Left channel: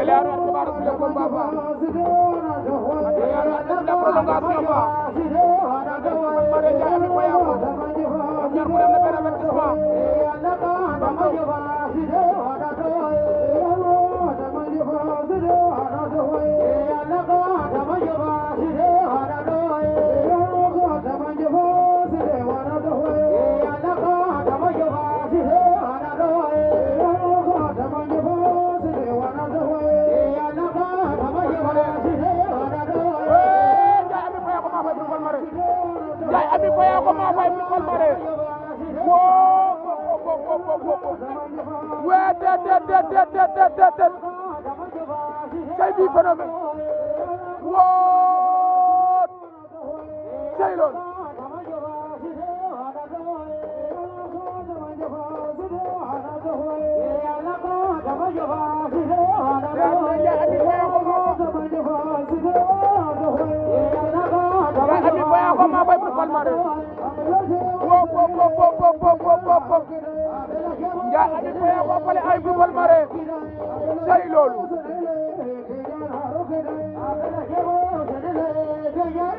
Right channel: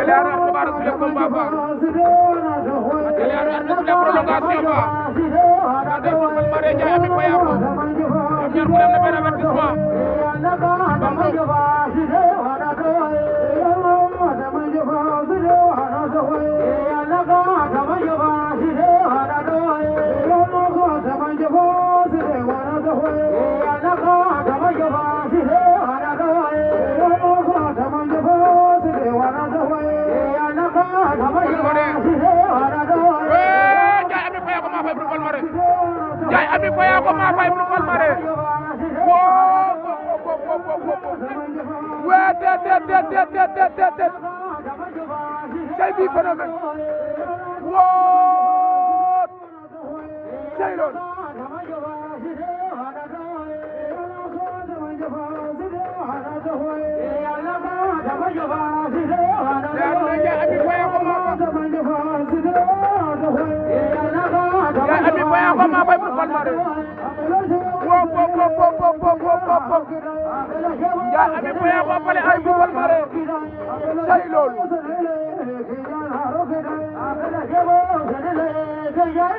Atelier xibaar suñu combat ba Atelier arbitre suñu prolongation ba Ande Mare Ndiaye Ami Faye ko ñoom ñaar ku dem na benn avertissement Ndiaye Ami Faye ko ma fay bu Palmarin waa te cay bi phénomène woo cay loolu Ami Faye ko ma fay bu Palmarin Ndiaye Ami Faye ko fale ay bu Palmarin cay loolu